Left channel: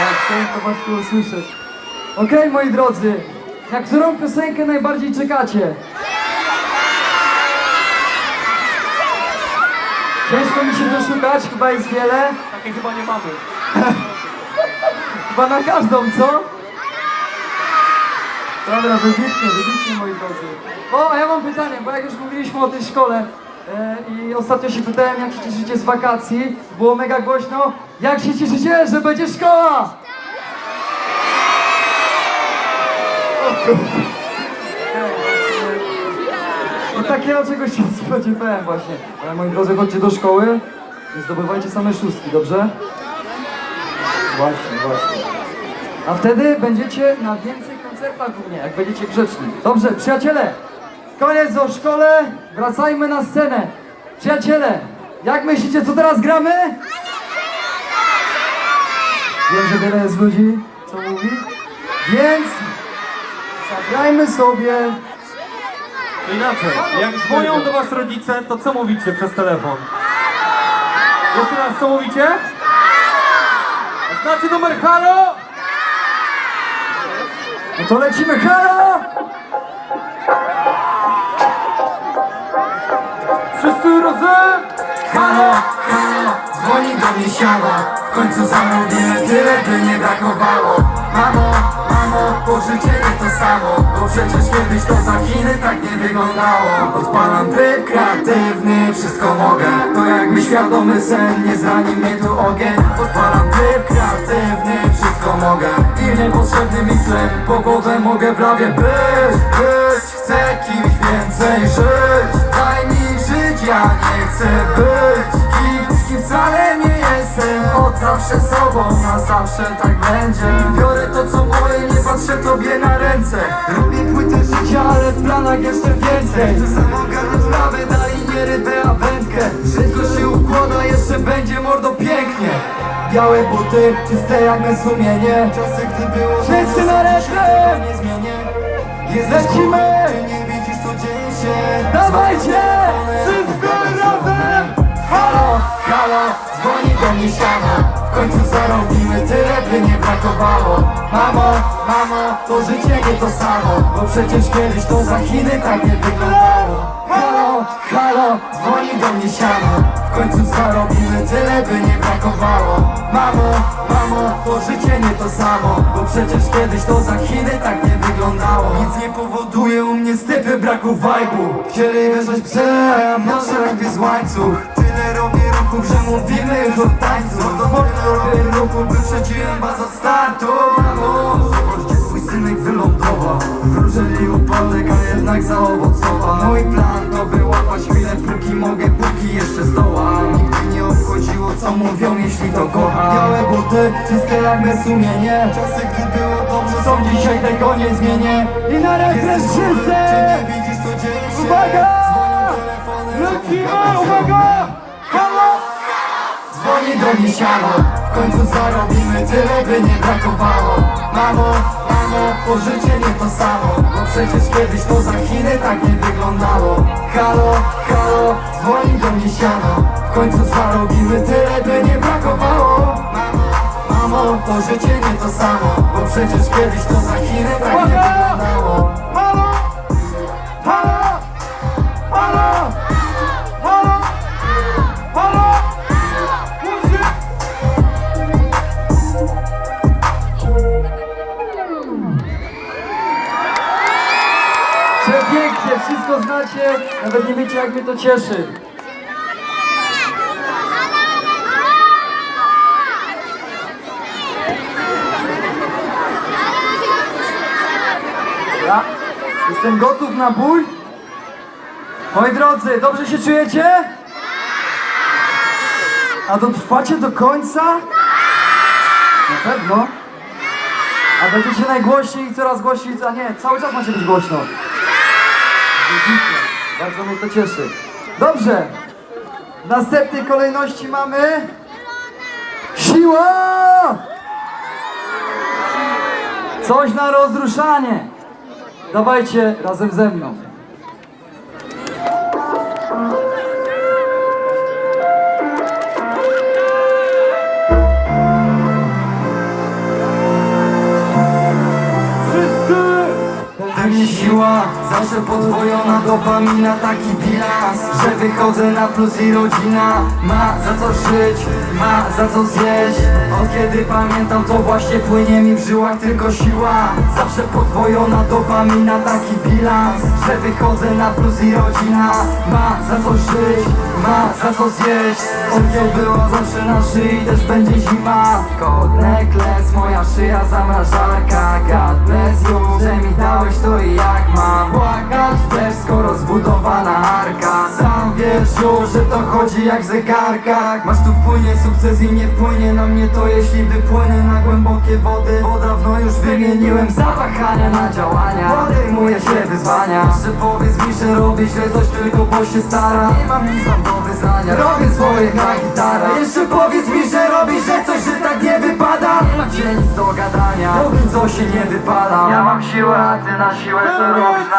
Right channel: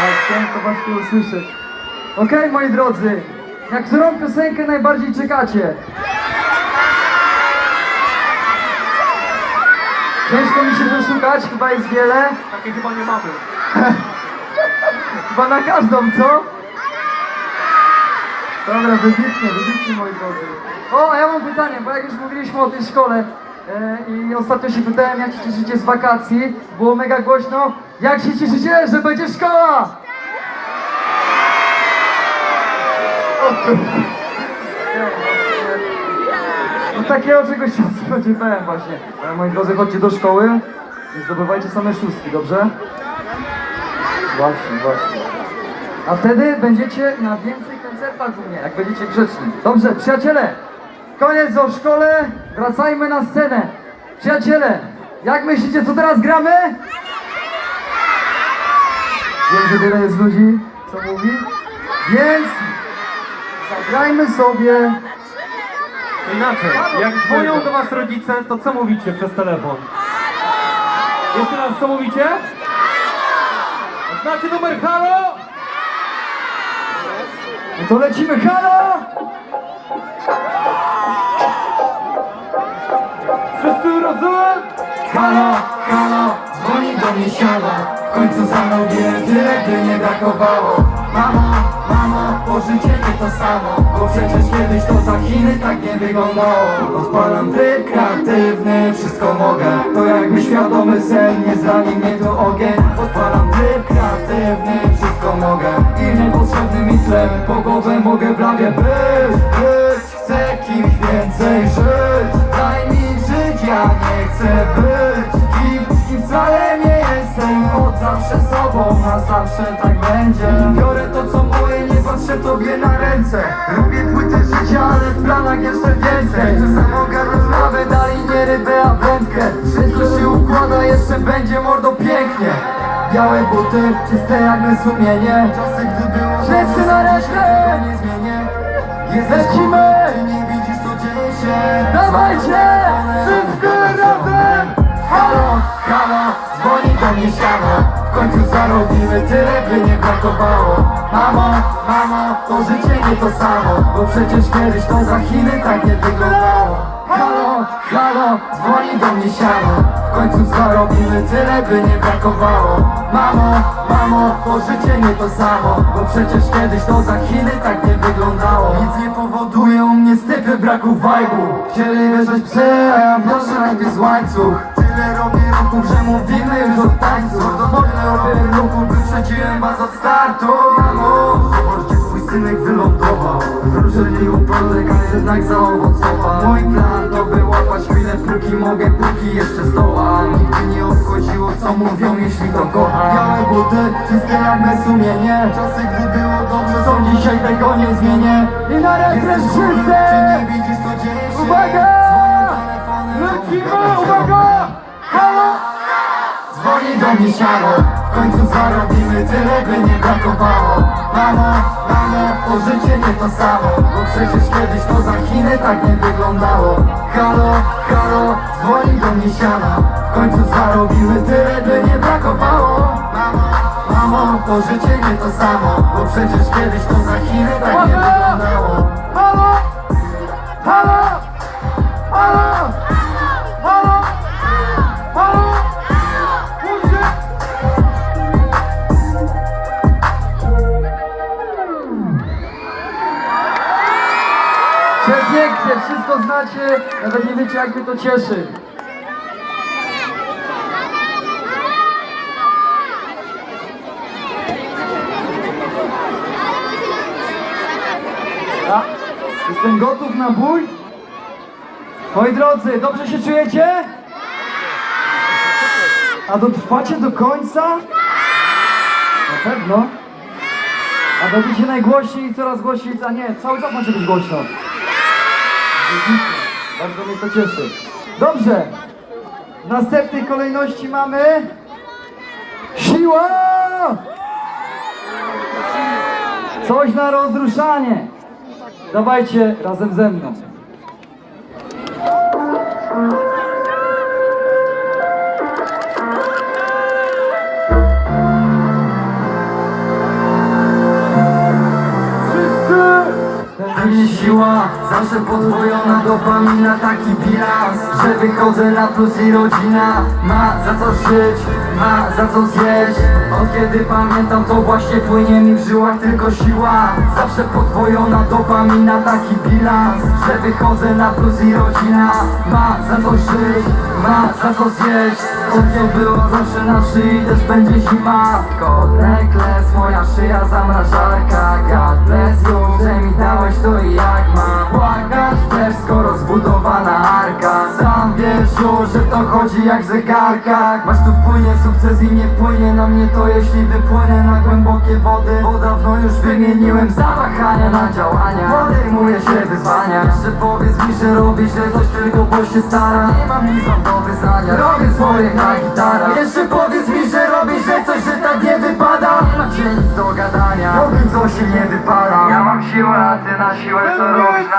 Tak, chciałem to właśnie usłyszeć. Okej, moi drodzy, na którą piosenkę najbardziej czekacie? Ciężko mi się doszukać, chyba jest wiele. Takie chyba nie mamy. Chyba na każdą, co? Dobra, wybitnie, wybitnie, moi drodzy. O, a ja mam pytanie, bo jak już mówiliśmy o tej szkole e, i ostatnio się pytałem, jak się cieszycie z wakacji, było mega głośno. Jak się cieszycie, że będzie szkoła? O kurde. No takiego czegoś się spodziewałem właśnie. Ale moi drodzy, chodźcie do szkoły i zdobywajcie same szóstki, dobrze? Właśnie, właśnie. A wtedy będziecie na więcej koncertach u mnie, jak będziecie grzeczni. Dobrze, przyjaciele, koniec o szkole, wracajmy na scenę. Przyjaciele, jak myślicie, co teraz gramy? Wiem, że wiele jest ludzi, co mówi, więc zagrajmy sobie Inaczej, jak dzwonią do was rodzice, to co mówicie przez telefon? Jeszcze raz, co mówicie? Znaczy numer halo? No to lecimy, halo! Mnie siano W końcu zamówiłem tyle, by nie brakowało. Mamo, mamo, pożycie nie to samo Bo przecież kiedyś to za Chiny tak nie wyglądało. Odpalam tryb kreatywny, wszystko mogę To jakby świadomy sen, nie zrani mnie tu ogień. Odpalam tryb kreatywny, wszystko mogę I niepotrzebny mi chleb, po głowę mogę w lawie być Być, chcę kimś więcej żyć Daj mi żyć, ja nie chcę być Kim wcale nie Od zawsze sobą, na zawsze tak będzie. Biorę to co moje, nie patrzę tobie na ręce. Robię płytę życia, ale w planach jeszcze więcej. Sam ogarnąć sprawę, dali nie rybę, a wędkę. Wszystko się układa, jeszcze będzie mordo pięknie. Białe buty, czyste jak me sumienie. Czasy gdy było Wszyscy na resztę! nie zmienię. Jest Lecimy! Ty nie widzisz co dzieje się. Dawajcie! Wszyscy razem! Halo, do mnie siano W końcu zarobimy tyle, by nie brakowało. Mamo, mamo, to życie nie to samo Bo przecież kiedyś to za Chiny tak nie wyglądało. Halo, halo, dzwoni do mnie siano. W końcu zarobimy tyle, by nie brakowało. Mamo, mamo, to życie nie to samo Bo przecież kiedyś to za Chiny tak nie wyglądało. Nic nie powoduje u mnie stypy braku wajbu. Chcieli wyrzeć psem, noszę robię z łańcuch Tyle robię ruchów, że mówimy już o tańcu. Tyle robię ruchów, wyprzedziłem was od startu. Zobaczcie, twój synek wylądował. Wróżyli upadek, a jednak zaowocował. Mój plan to by łapać chwilę, póki mogę, póki jeszcze zdołam. Nigdy nie obchodziło, co mówią, jeśli to kocham. Białe buty, czyste jak me sumienie. Czasy, gdy było dobrze, są dzisiaj, tego nie zmienię. I na refren wszyscy! czy nie widzisz, co dzieje się? Uwaga! Lecimy, uwaga! Mnie siano W końcu zarobimy tyle, by nie brakowało. Mamo, mamo, to życie nie to samo. Bo przecież kiedyś to za Chiny tak nie wyglądało. Halo, halo, dzwoni do mnie siano W końcu zarobimy tyle, by nie brakowało. Mamo, mamo, to życie nie to samo. Bo przecież kiedyś to za Chiny tak wszystko znacie, nawet nie wiecie jak mnie to cieszy. A, Jestem gotów na bój. Moi drodzy, dobrze się czujecie? A dotrwacie do końca? Na pewno. A będziecie najgłośniej i coraz głośniej, a nie, cały czas macie być głośno. Bardzo mnie to cieszy. Dobrze. W następnej kolejności mamy... Siła! Coś na rozruszanie. Dawajcie razem ze mną. Wszyscy! Siła! Zawsze podwojona dopamina, taki bilans Że wychodzę na plus i rodzina Ma za co żyć, ma za co zjeść. Od kiedy pamiętam to właśnie płynie mi w żyłach tylko siła. Zawsze podwojona dopamina, taki bilans Że wychodzę na plus i rodzina Ma za co żyć, ma za co zjeść. Odkiął było zawsze na szyi, też będzie zima. God necklace, moja szyja zamrażarka że to chodzi jak w zegarkach. Masz tu wpłynie sukces i nie wpłynie na mnie to Jeśli wypłynę na głębokie wody Bo dawno już wymieniłem zawahania na działania. Podejmuję się wyzwania. Jeszcze powiedz mi, że robisz źle coś tylko bo się stara. Nie mam nic do wyznania. Robię swoje na gitara Jeszcze powiedz mi, że robisz źle coś, że tak nie wypada. Nie macie nic do gadania. Robię co się nie wypala. Ja mam siłę, a ty na siłę co robisz